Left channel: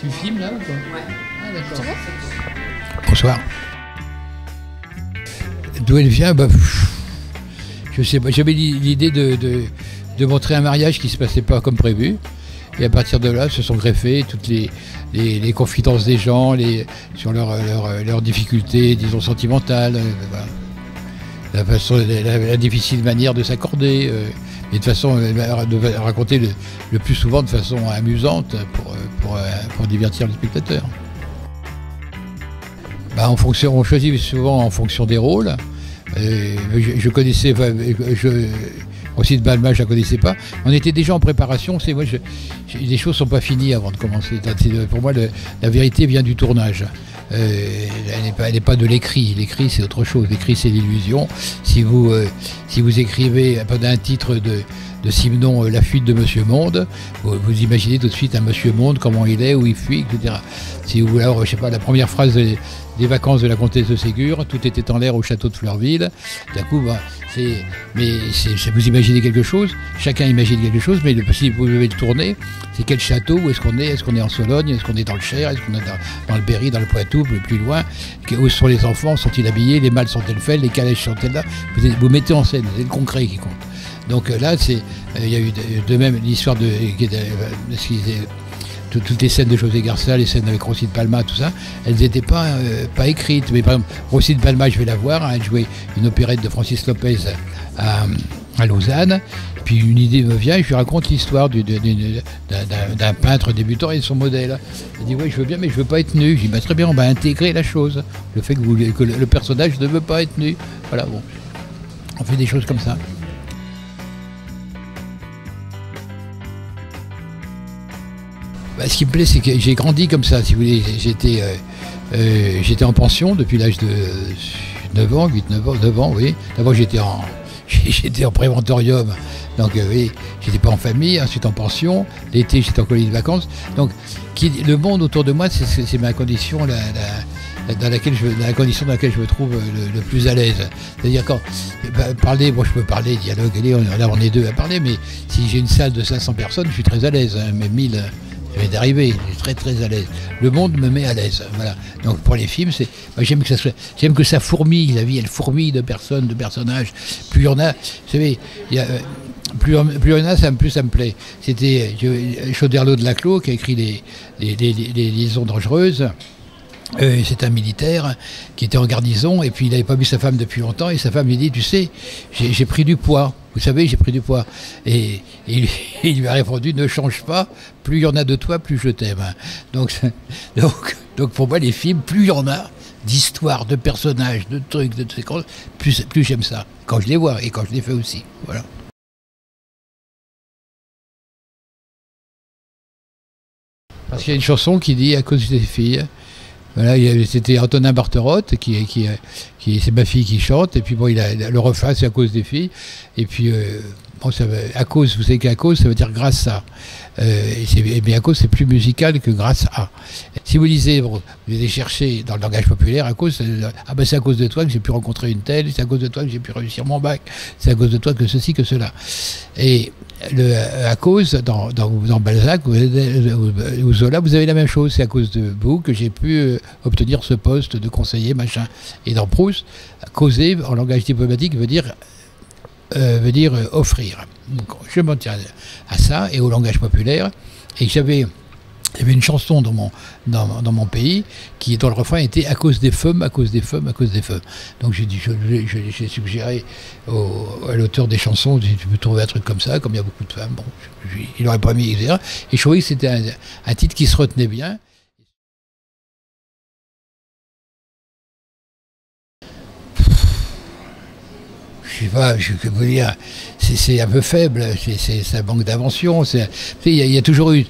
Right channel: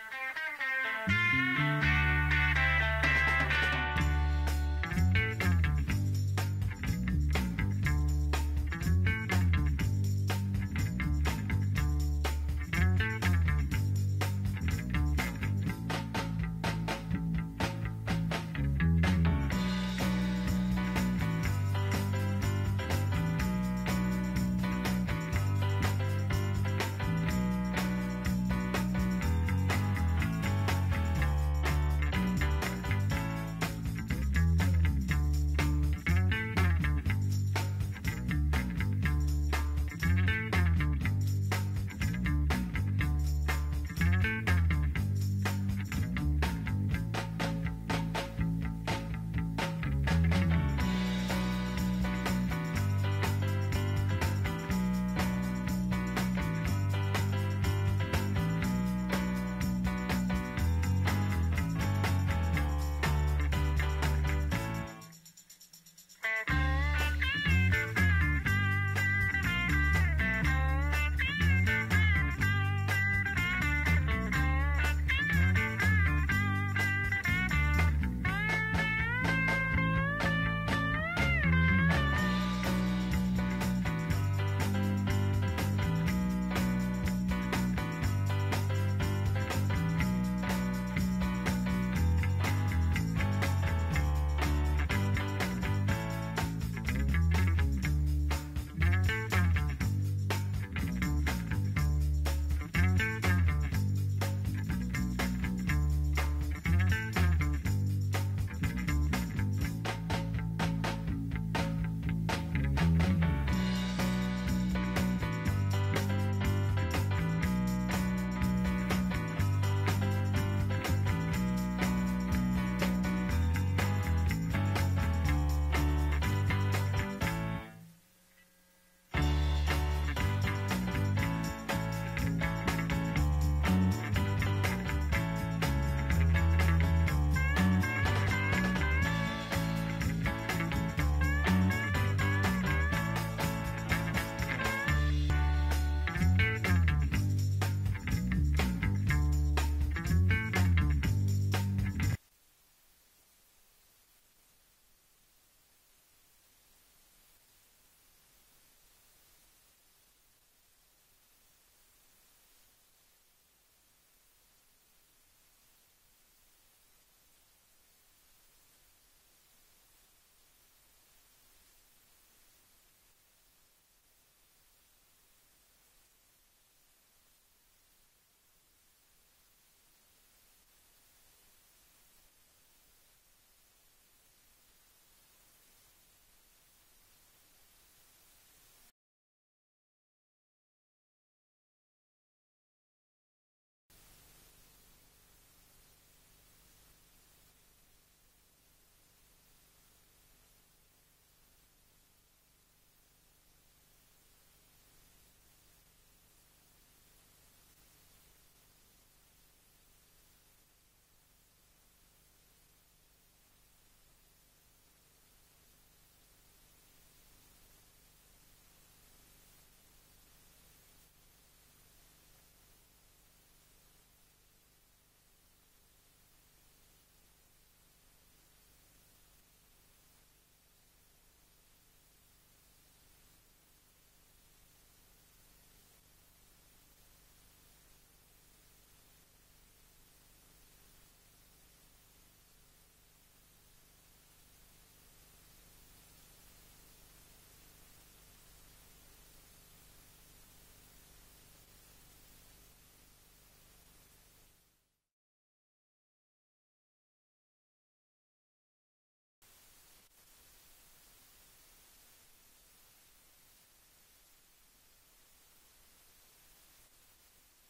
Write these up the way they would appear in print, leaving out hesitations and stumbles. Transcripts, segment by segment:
Tu filmes là ou quoi? Ah, d'accord. Bonsoir. D'où elle vient, je sais pas. J'avais l'idée de montrer un mariage qui ne se passait pas comme prévu. Et à partir de là, se sont greffées toutes les confidences des gens sur leurs difficultés, disons, sentimentales, la difficile manière de s'accorder, et de façon de raconter le plus souvent de façon amusante pour divertir les spectateurs. On choisit souvent en fonction des rôles. Je connaissais, Roselyne Palma, je ne la connaissais pas. On était déjà en préparation. Les choses ne sont pas finies avant de commencer. Pour moi, la vérité vient du tournage. Elle n'est pas de l'écrit. L'écrit, c'est autre chose. L'écrit, c'est l'illusion. Si vous écrivez un titre de Simenon, La fuite de Monsieur Monde, vous imaginez tout de suite un Monsieur Monde, comment il est, où il fuit, etc. Si vous, alors, je sais pas, la première phrase des vacances de la comtesse de Ségur, tout était en l'air au château de Fleurville. D'un coup, vous imaginez quelque chose, chacun imagine quelque chose, mais si vous devez le tourner, c'est quel château, où est-ce qu'on est? Est-ce qu'on est en Sologne? Est-ce qu'on est dans le Cher? Est-ce qu'on est dans le Berry, dans le Poitou, plus loin? Où sont les enfants? Sont-ils habillés? Les mâles sont-elles faites? Les calèches sont-elles là? Vous mettez en scène, c'est le concret qui compte. Donc là, il y a eu de même l'histoire toutes les scènes de José Garcia, les scènes avec Roselyne Palma, tout ça, elles n'étaient pas écrites. Mais par exemple, Roselyne Palma, je vais la voir, elle jouait une opérette de Francis Lopez à Lausanne. Puis une idée me vient et je lui raconte l'histoire d'un peintre débutant et de son modèle. Il dit oui, je veux bien, mais je veux pas être nu. Je dis très bien, on va intégrer la chose. Le fait que le personnage ne veut pas être nu. Voilà, bon. On fait des choses comme ça. Ce qui me plaît, c'est que j'ai grandi comme ça, si vous voulez. J'étais en pension depuis l'âge de 9 ans, oui. D'abord, j'étais en préventorium, donc oui, j'étais pas en famille, ensuite en pension. L'été, j'étais en colonie de vacances. Donc, le monde autour de moi, c'est ma condition, la condition dans laquelle je me trouve le plus à l'aise. C'est-à-dire quand parler, moi je peux parler, dialoguer, là on est deux à parler, mais si j'ai une salle de 500 personnes, je suis très à l'aise, hein, mais 1000... d'arriver, je suis très très à l'aise. Le monde me met à l'aise. Voilà. Donc pour les films, j'aime que ça fourmille, la vie elle fourmille de personnes, de personnages. Plus il y en a, vous savez, plus il y en a, plus ça me plaît. C'était Chauderlot de Laclos qui a écrit les liaisons dangereuses. C'est un militaire qui était en garnison et puis il n'avait pas vu sa femme depuis longtemps et sa femme lui dit, tu sais, j'ai pris du poids, vous savez, j'ai pris du poids. Et il lui a répondu, ne change pas, plus il y en a de toi, plus je t'aime. Donc pour moi, les films, plus il y en a d'histoires, de personnages, de trucs, de séquences, plus j'aime ça, quand je les vois et quand je les fais aussi. Voilà. Parce qu'il y a une chanson qui dit, à cause des filles. Voilà, c'était Antonin Barterotte, c'est ma fille qui chante, et puis bon, le refrain, c'est à cause des filles, et puis bon, à cause, vous savez qu'à cause, ça veut dire grâce à. Mais à cause, c'est plus musical que grâce à. Si vous lisez, vous allez chercher dans le langage populaire, à cause, c'est à cause de toi que j'ai pu rencontrer une telle, c'est à cause de toi que j'ai pu réussir mon bac, c'est à cause de toi que ceci, que cela. Et à cause, dans Balzac ou Zola, vous avez la même chose, c'est à cause de vous que j'ai pu obtenir ce poste de conseiller, machin. Et dans Proust, causer, en langage diplomatique, veut dire offrir. Donc, je m'en tiens à ça et au langage populaire. Et il y avait une chanson dans mon pays dont le refrain était à cause des femmes, à cause des femmes, à cause des femmes. Donc j'ai suggéré à l'auteur des chansons, tu peux trouver un truc comme ça, comme il y a beaucoup de femmes. Bon, il n'aurait pas mis, etc. Et je trouvais que c'était un titre qui se retenait bien. Je sais pas, je peux vous dire, c'est un peu faible, ça manque d'invention. Il y a toujours eu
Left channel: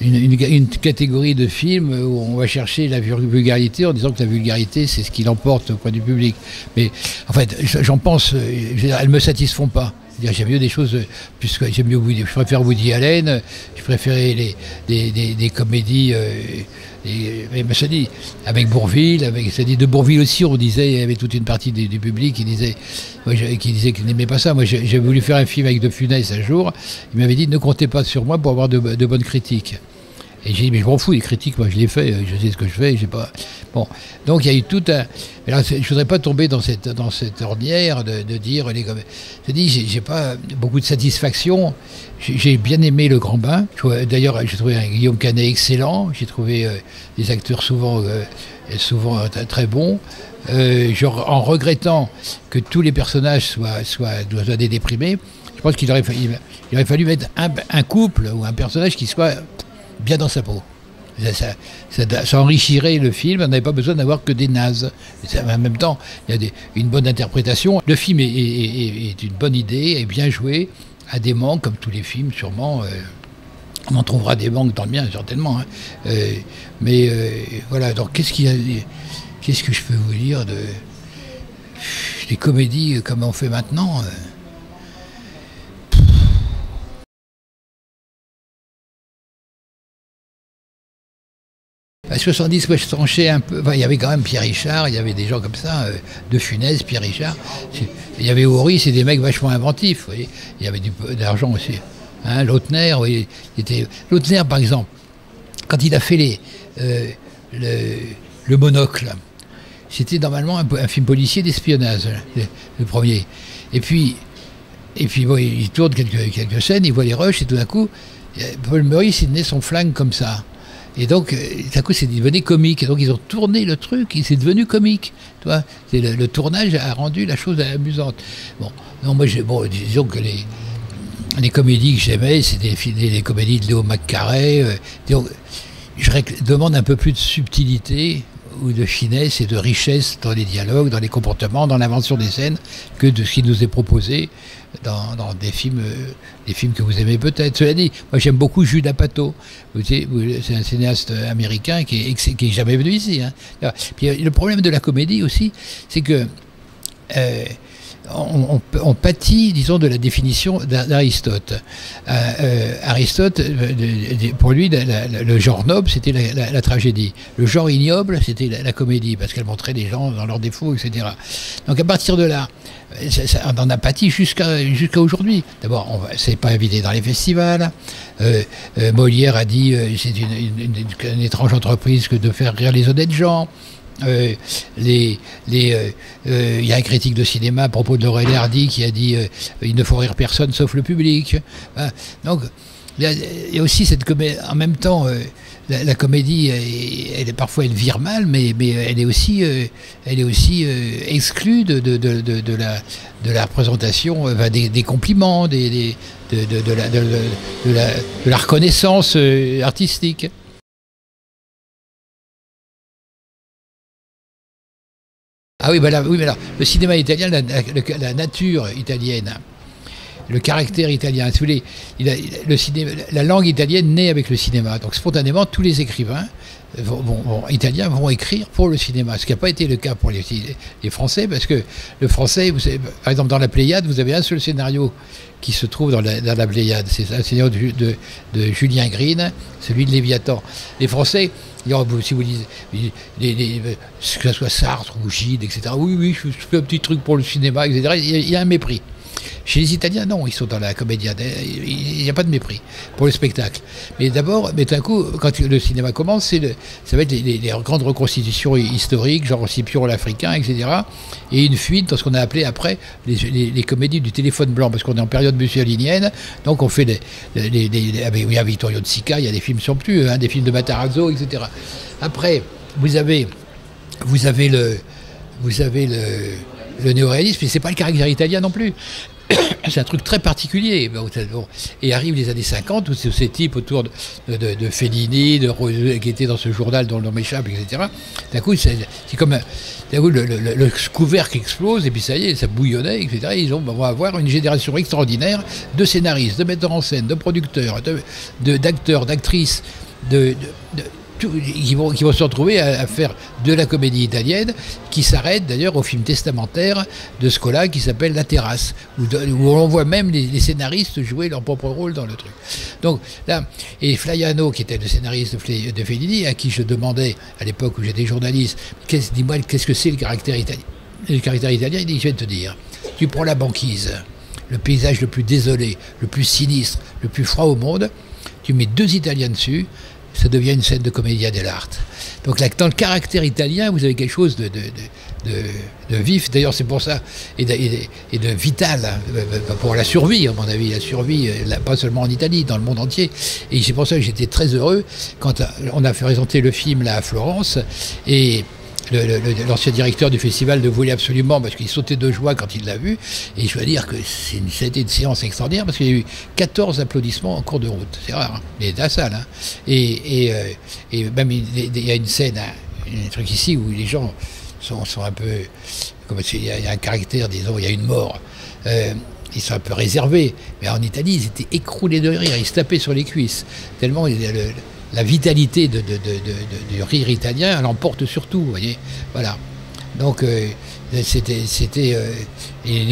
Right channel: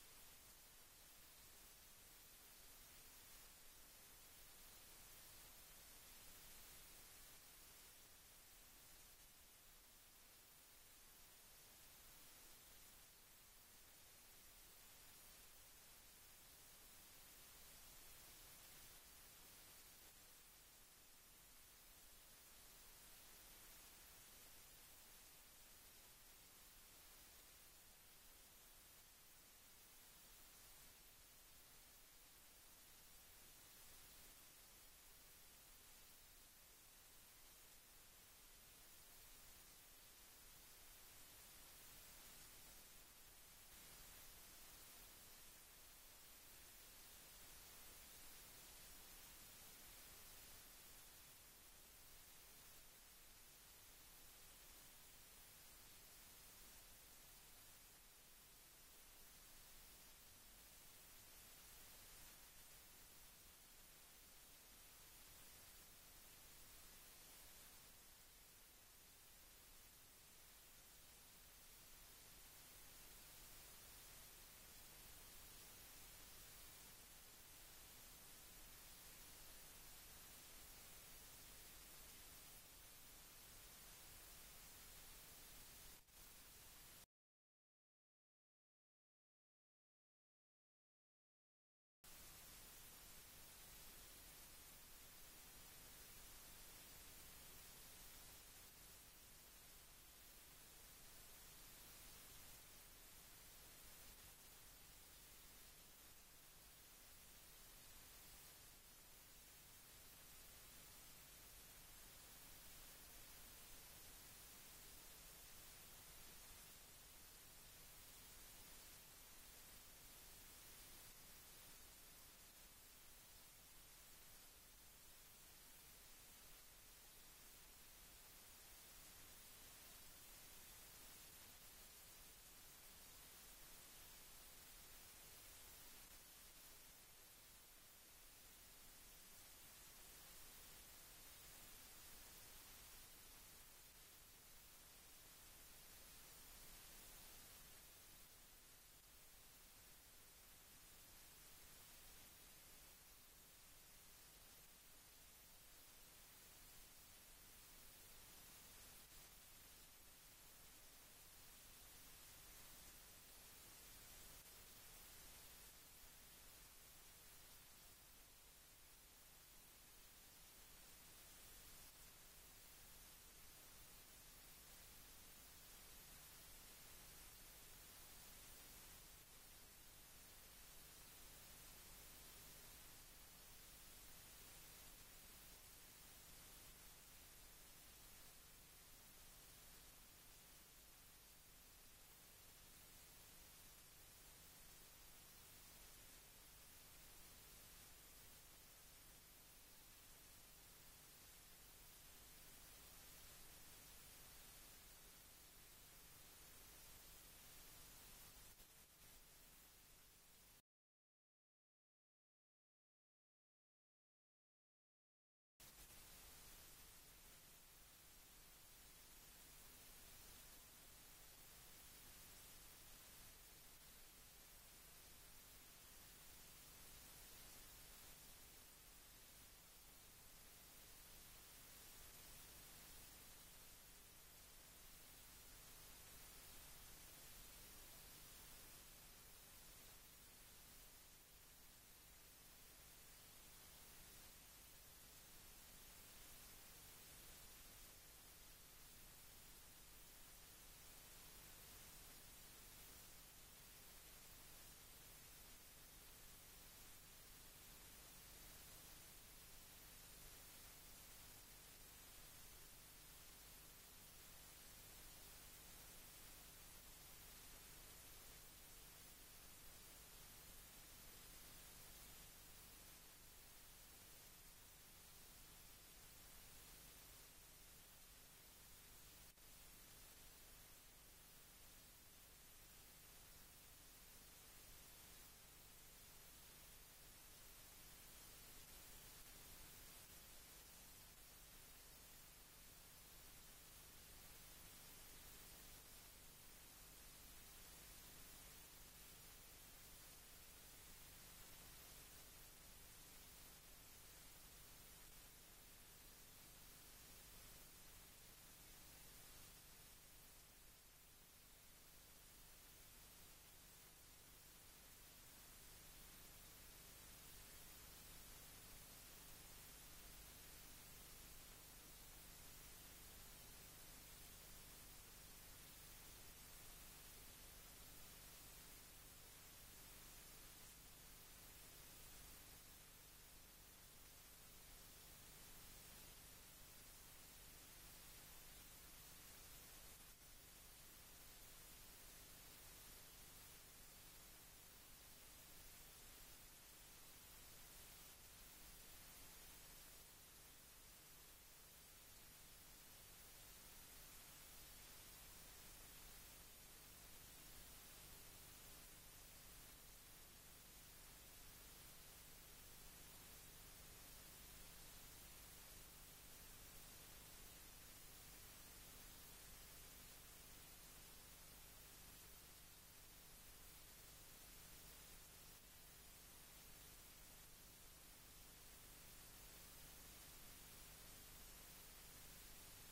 une catégorie de films où on va chercher la vulgarité en disant que la vulgarité, c'est ce qui l'emporte auprès du public. Mais en fait, j'en pense, elles ne me satisfont pas. J'aime mieux des choses, puisque je préfère Woody Allen, je préférais des comédies, mais ça dit, avec Bourvil, de Bourvil aussi, on disait, il y avait toute une partie du public qui disait qu'il n'aimait pas ça. Moi, j'ai voulu faire un film avec De Funès un jour, il m'avait dit, ne comptez pas sur moi pour avoir de bonnes critiques. Et j'ai dit, mais je m'en fous des critiques, moi je l'ai fait, je sais ce que je fais, j'ai pas... Bon, donc il y a eu tout un... Mais là, je ne voudrais pas tomber dans cette ornière de dire... Je dis, j'ai pas beaucoup de satisfaction. J'ai bien aimé Le Grand Bain. D'ailleurs, j'ai trouvé un Guillaume Canet excellent. J'ai trouvé des acteurs souvent très bons. En regrettant que tous les personnages soient des déprimés, je pense qu'il aurait fallu mettre un couple ou un personnage qui soit bien dans sa peau. Ça enrichirait le film, on n'avait pas besoin d'avoir que des nazes. En même temps, il y a une bonne interprétation. Le film est une bonne idée, est bien joué, a des manques, comme tous les films, sûrement. On en trouvera des manques dans le mien, certainement. Hein. Voilà, donc qu'est-ce que je peux vous dire des comédies comme on fait maintenant À 70, moi je tranchais un peu. Enfin, il y avait quand même Pierre Richard, il y avait des gens comme ça, De Funès, Pierre Richard. Il y avait Horry, c'est des mecs vachement inventifs. Vous voyez. Il y avait d'argent aussi. Hein, Lautner, oui, Lautner, par exemple, quand il a fait le Monocle, c'était normalement un film policier d'espionnage, le premier. Et puis bon, il tourne quelques scènes, il voit les rushs, et tout d'un coup, Paul Meurice, il tenait son flingue comme ça. Et donc, tout à coup, c'est devenu comique. Et donc, ils ont tourné le truc, et c'est devenu comique. Tu vois, le tournage a rendu la chose amusante. Bon, non, moi, disons que les comédies que j'aimais, c'était les comédies de Léo McCarey. Je demande un peu plus de subtilité ou de finesse et de richesse dans les dialogues, dans les comportements, dans l'invention des scènes, que de ce qui nous est proposé dans des films que vous aimez peut-être. Cela dit, moi j'aime beaucoup Judd Apatow. C'est un cinéaste américain qui est jamais venu ici. Hein. Puis, le problème de la comédie aussi, c'est que on pâtit, disons, de la définition d'Aristote. Aristote, pour lui, le genre noble, c'était la tragédie. Le genre ignoble, c'était la comédie, parce qu'elle montrait les gens dans leurs défauts, etc. Donc à partir de là, on en a pâti jusqu'à aujourd'hui. D'abord, c'est pas invité dans les festivals. Molière a dit c'est une étrange entreprise que de faire rire les honnêtes gens. Il y a un critique de cinéma à propos de Laurel et Hardy qui a dit il ne faut rire personne sauf le public. Donc il y a aussi cette comédie. En même temps, la comédie, parfois elle vire mal, mais elle est aussi exclue de la représentation, des compliments, de la reconnaissance artistique. Ah oui, mais alors, le cinéma italien, la nature italienne, le caractère italien, si vous voulez, la langue italienne naît avec le cinéma. Donc spontanément, tous les écrivains italiens vont écrire pour le cinéma, ce qui n'a pas été le cas pour les Français, parce que le français, vous savez, par exemple dans la Pléiade, vous avez un seul scénario qui se trouve dans la Pléiade, c'est un scénario de Julien Green, celui de Léviathan. Les Français, si vous lisez, que ce soit Sartre ou Gide, etc., oui, je fais un petit truc pour le cinéma, etc., il y a un mépris. Chez les Italiens, non, ils sont dans la comédia, il n'y a pas de mépris pour le spectacle. Mais d'abord, d'un coup, quand le cinéma commence, ça va être les grandes reconstitutions historiques, genre Scipion l'Africain, etc. Et une fuite dans ce qu'on a appelé après les comédies du téléphone blanc, parce qu'on est en période mussolinienne, donc on fait il y a Vittorio De Sica, il y a des films somptueux, des films de Matarazzo, etc. Après, vous avez le néoréalisme, mais c'est pas le caractère italien non plus. C'est un truc très particulier. Et arrivent les années 50, où ces types autour de Fellini, qui étaient dans ce journal dont le nom m'échappe, etc. D'un coup, c'est comme le couvercle explose, et puis ça y est, ça bouillonnait, etc. On va avoir une génération extraordinaire de scénaristes, de metteurs en scène, de producteurs, d'acteurs, d'actrices, qui vont se retrouver à faire de la comédie italienne, qui s'arrête d'ailleurs au film testamentaire de Scola qui s'appelle La Terrasse, où on voit même les scénaristes jouer leur propre rôle dans le truc. Donc là, et Flaiano, qui était le scénariste de Fellini, à qui je demandais à l'époque où j'étais journaliste, dis-moi, qu'est-ce que c'est le caractère italien? Le caractère italien, il dit, je vais te dire, tu prends la banquise, le paysage le plus désolé, le plus sinistre, le plus froid au monde, tu mets 2 Italiens dessus, ça devient une scène de commedia dell'arte. Donc là, dans le caractère italien, vous avez quelque chose de vif. D'ailleurs, c'est pour ça, et de vital, hein, pour la survie, à mon avis, la survie, pas seulement en Italie, dans le monde entier. Et c'est pour ça que j'étais très heureux quand on a fait présenter le film là à Florence, et l'ancien directeur du festival ne voulait absolument, parce qu'il sautait de joie quand il l'a vu, et je dois dire que c'était une séance extraordinaire, parce qu'il y a eu 14 applaudissements en cours de route, c'est rare, hein, mais de la salle, hein. Et même il y a une scène, un truc ici où les gens sont un peu, il y a un caractère, disons, il y a une mort, ils sont un peu réservés, mais en Italie ils étaient écroulés de rire, ils se tapaient sur les cuisses, tellement la vitalité du rire italien, elle emporte sur tout, vous voyez. Voilà. Donc, et le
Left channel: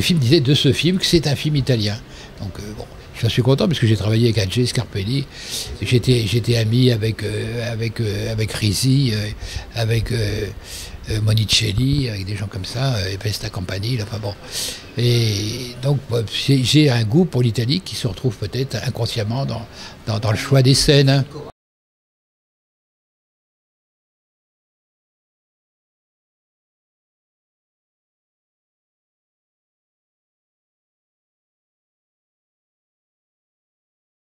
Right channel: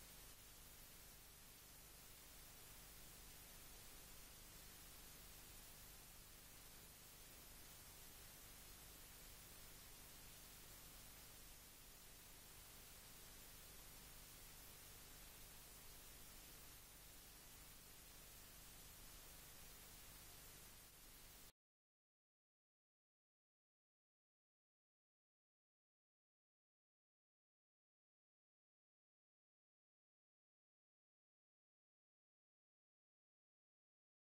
film disait de ce film que c'est un film italien. Donc, bon, je suis content parce que j'ai travaillé avec Adje Scarpelli. J'étais ami avec Risi, avec Monicelli, avec des gens comme ça, et Pesta Compagnie, enfin bon. Et donc, j'ai un goût pour l'Italie qui se retrouve peut-être inconsciemment dans le choix des scènes. Hein.